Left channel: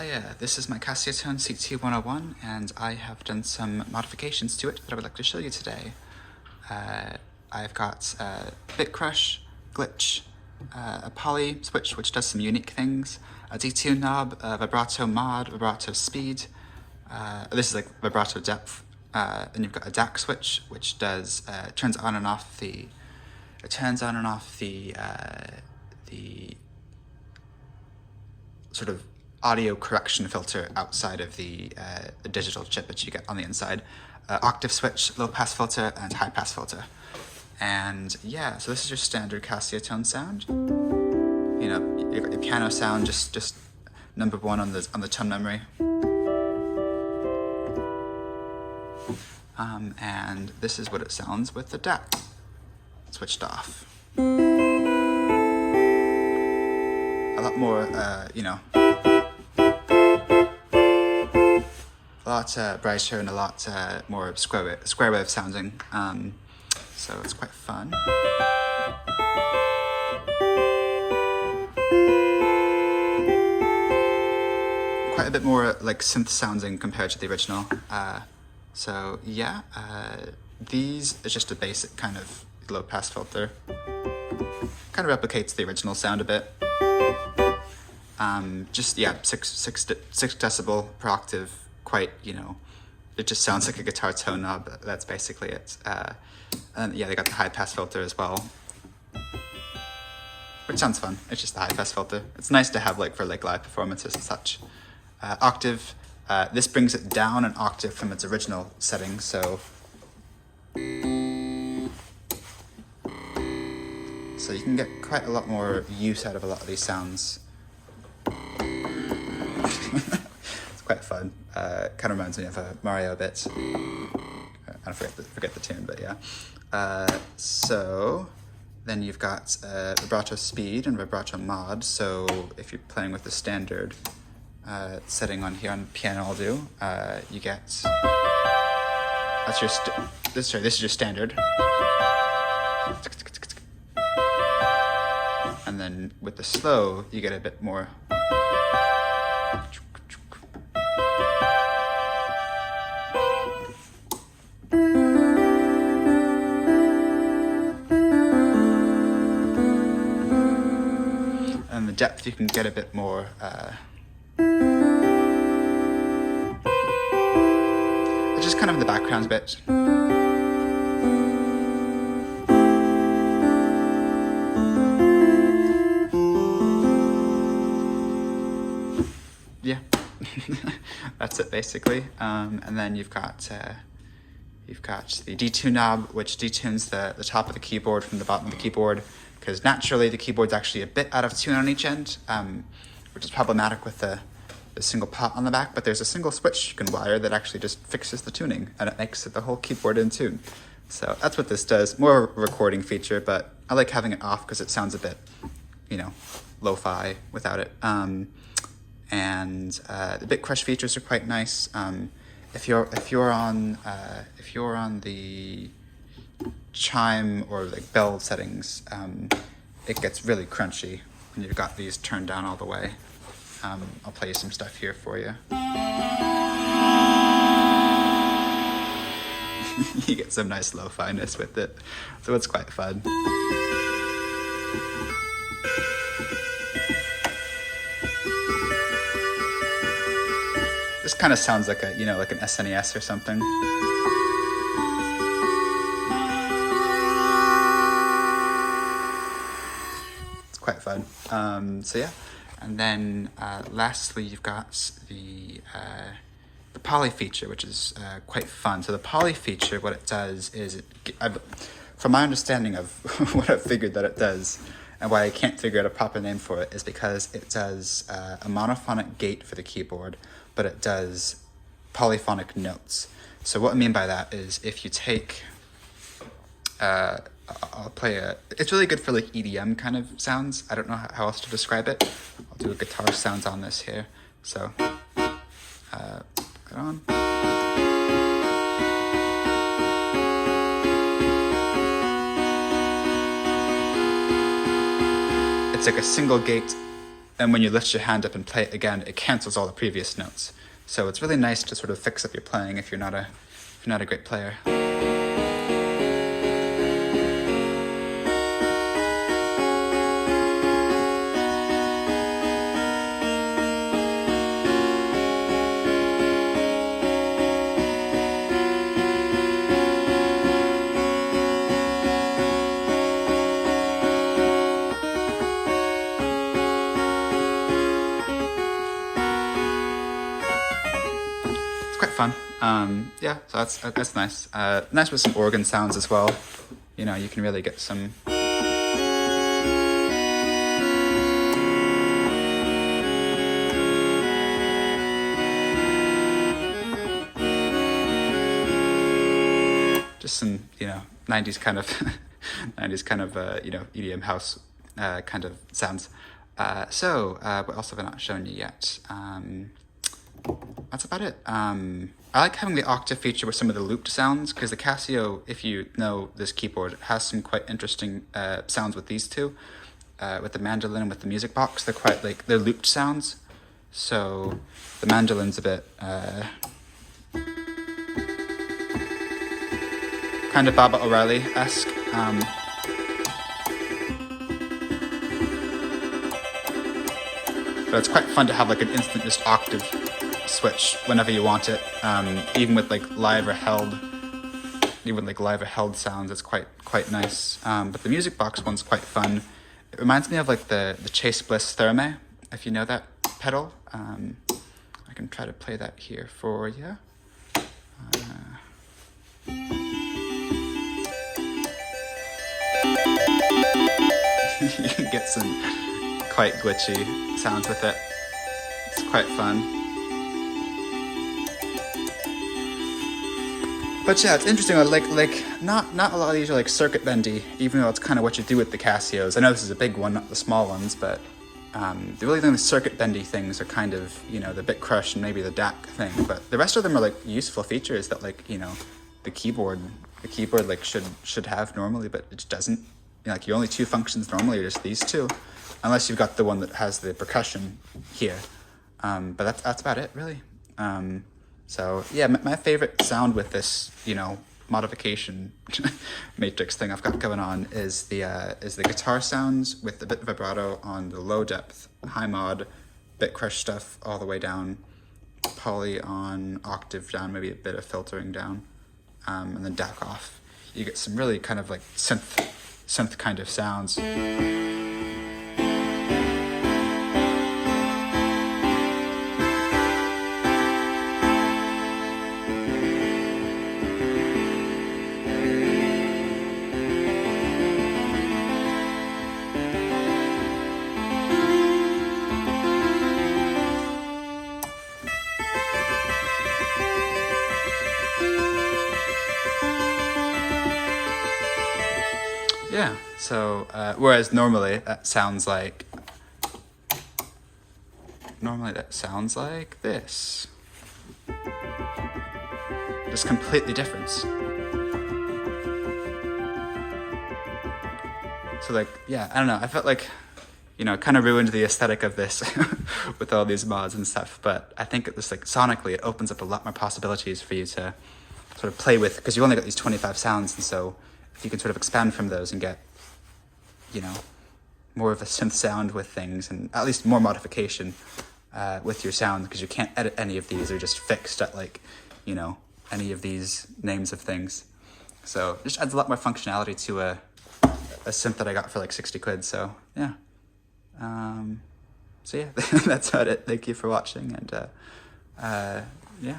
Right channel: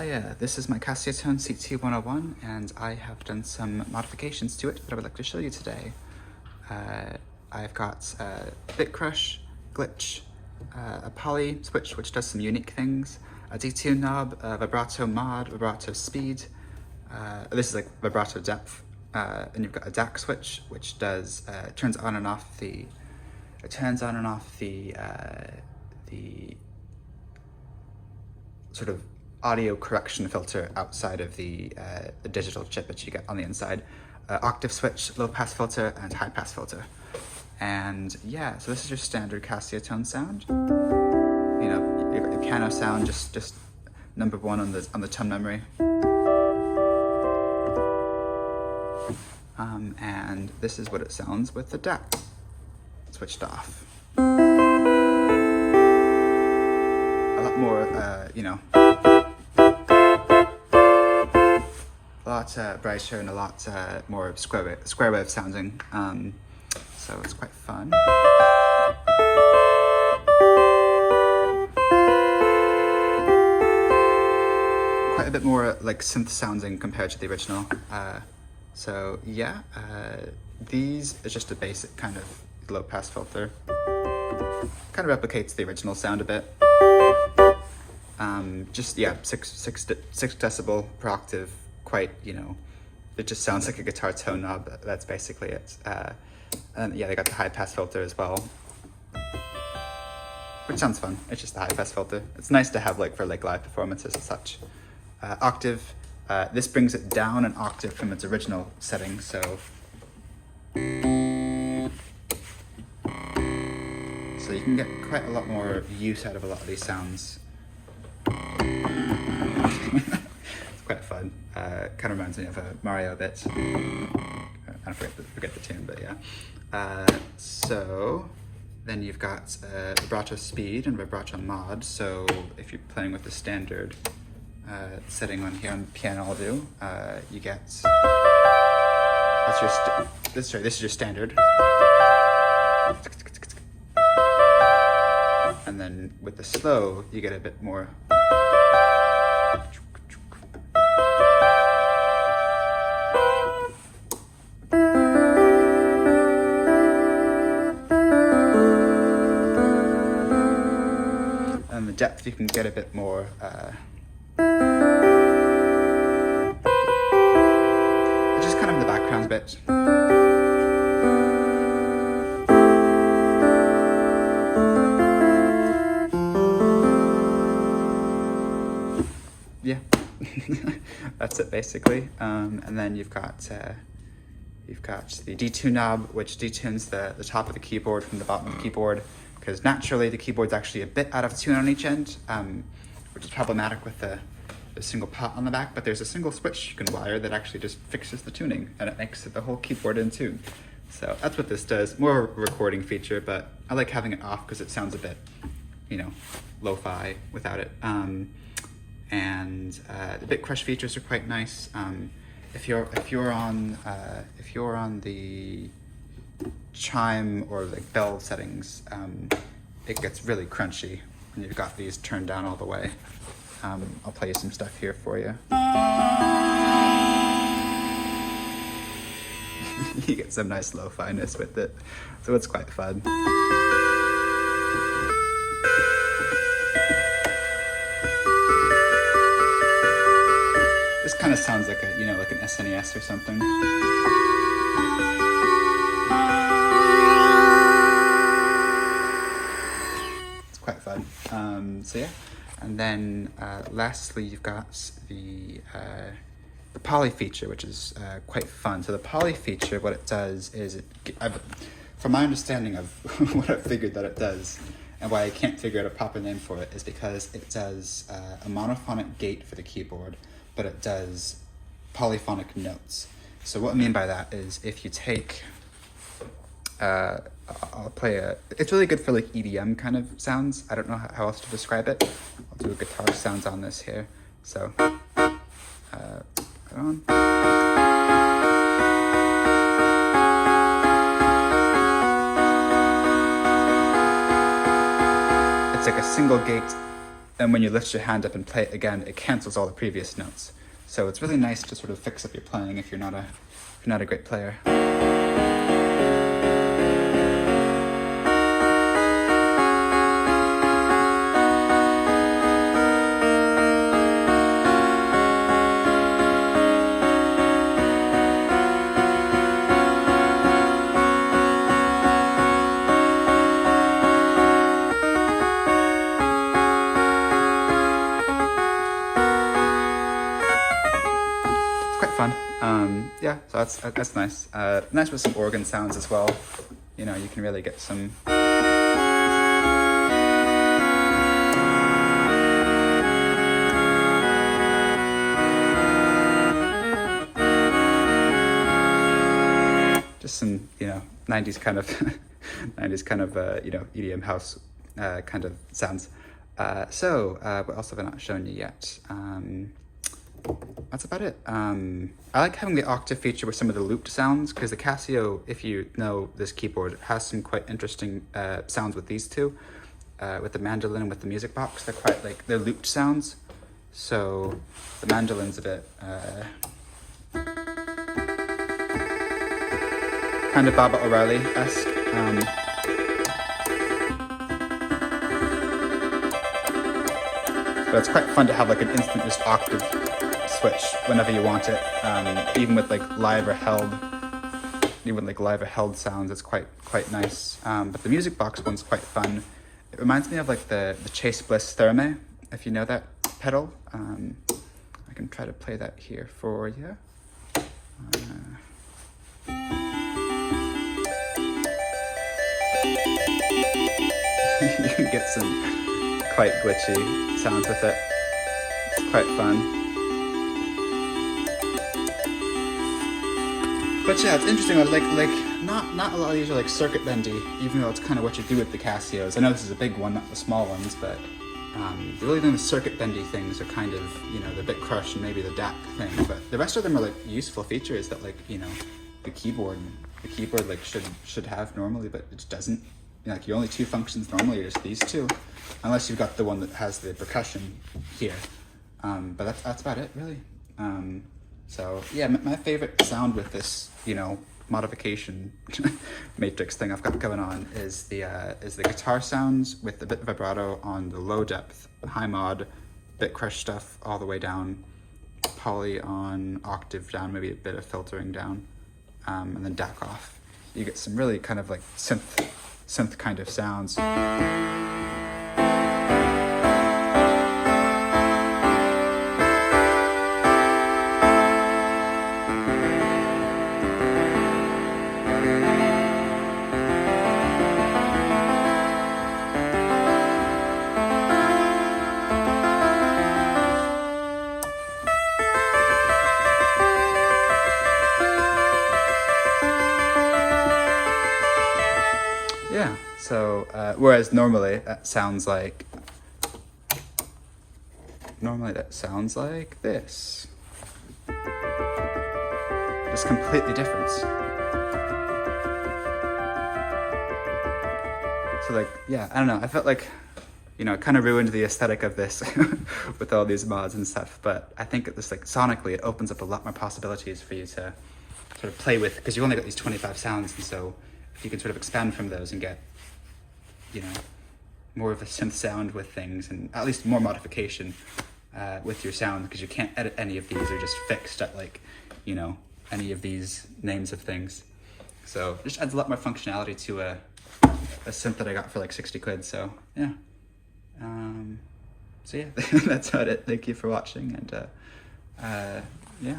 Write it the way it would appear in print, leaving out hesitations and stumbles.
Oh yeah, this is my Casiotone CT-101, and I have done some modifications to it that I would like to show you today. I've got bit crush, glitch, a poly switch which does some unique things, a detune knob, a vibrato mod, vibrato speed. This is like vibrato depth, and you've got a DAC switch which does turns on and off the the sort of audio correction filter outside of the digital chip that you get on the inside. Octave switch, low pass filter, and high pass filter. And yeah, so this is your standard Casiotone sound. You know, your piano sound, just number one on the tone memory. And this is what it sounds with the DAC switched off. A lot more, you know, a lot brighter and a lot more square wave sounding. So it's quite fun. Quite a bit more like synth sounding compared to the original. So yeah, these is just a basic kind of low pass filter. Kind of replicates the original sound a bit. Just yeah, six decibel per octave. Quite, you know, it just sounds like a guitar tone knob. That's basically it. And yeah, they got the high pass filter as well, which sounds fun. It's just the high pass filter. It's nice to have like for like live performances and such. Octave. This brings it down an octave from its original setting, so you can get quite a lot more use out of a lot of these sounds. It's quite fun. Kind of reminds me of Mario a bit. I forget the tune, but yeah. So then you've got vibrato speed and vibrato mod. So if you're playing with the standard setting on here on piano, I'll do. You get this is your standard, and then with the slow, you get a bit more. And the depth, you can get a bit more. Just kind of in the background bit. Yeah, that's it basically. And then you've got the detune knob, which detunes the top of the keyboard from the bottom of the keyboard, because naturally the keyboard's actually a bit out of tune on each end, which is problematic with the single pot on the back, but there's a single switch you can wire that actually just fixes the tuning, and it makes the whole keyboard in tune. So that's what this does. More of a recording feature, but I like having it off because it sounds a bit, you know, lo-fi without it. And the bit crush features are quite nice. If you're on the chime or like bell settings, it gets really crunchy when you've got these turned down all the way. I'll play you some stuff here for you. You get some nice lo-fi-ness with it, so it's quite fun. This kind of sounds like a, you know, like an SNES or something. It's quite fun. So yeah. And then lastly, you've got the poly feature, which is quite fun. So the poly feature, what it does is, from my understanding of what I've figured that it does, and why I can't figure out a proper name for it, is because it does a monophonic gate for the keyboard, but it does polyphonic notes. So what I mean by that is, if you take I'll play it's really good for like EDM kind of sounds. I don't know how else to describe it. I'll do a guitar sounds on this here. So, put it on. It's like a single gate and when you lift your hand up and play it again, it cancels all the previous notes. So it's really nice to sort of fix up your playing if you're not a great player. Quite fun. Yeah, so that's nice. Nice with some organ sounds as well. You know, you can really get some. Just some, you know, 90s kind of, 90s kind of, you know, EDM house kind of sounds. What else have I not shown you yet? That's about it. I like having the octave feature with some of the looped sounds, because the Casio, if you know this keyboard, has some quite interesting sounds with these two. With the mandolin and with the music box, they're quite like, they're looped sounds. So the mandolin's a bit kind of Baba O'Reilly-esque. But it's quite fun to have like an instant just octave switch whenever you want it, even with like live or held sounds. It's quite nice. But the music box one's quite fun. It reminds me of like the Chase Bliss Therme, if you know that pedal. I can try to play that here for you. You can get some quite glitchy sounds with it. It's quite fun. But yeah, it's interesting. Like not a lot of these are like circuit bendy, even though it's kind of what you do with the Casios. I know this is a big one, not the small ones, but the really only circuit bendy things are kind of, you know, the bit crush and maybe the DAC thing. But the rest of them are like useful features that, like, you know, the keyboard like should have normally, but it just doesn't. You know, like your only two functions normally are just these two, unless you've got the one that has the percussion here. But that's about it, really. So yeah, my favorite sound with this, you know, modification matrix thing I've got going on is the guitar sounds with a bit of vibrato on the low depth, high mod, bit crush stuff all the way down, poly on, octave down, maybe a bit of filtering down, and then DAC off. You get some really kind of like synth kind of sounds. Yeah, so whereas normally that sounds like this. Just completely different. So like, yeah, I don't know, I felt like, you know, it kind of ruined the aesthetic of this with all these mods and stuff, but I think it was like sonically it opens up a lot more possibilities for you to sort of play with, because you only got these 25 sounds, and so you can sort of expand from those and get, you know, more of a synth sound with things, and at least more modification with your sound, because you can't edit any of these. They're just fixed at, like, you know, any of these names of things. So it just adds a lot more functionality to a synth that I got for like 60 quid. So yeah. So yeah, that's about it. Thank you for watching, and yeah.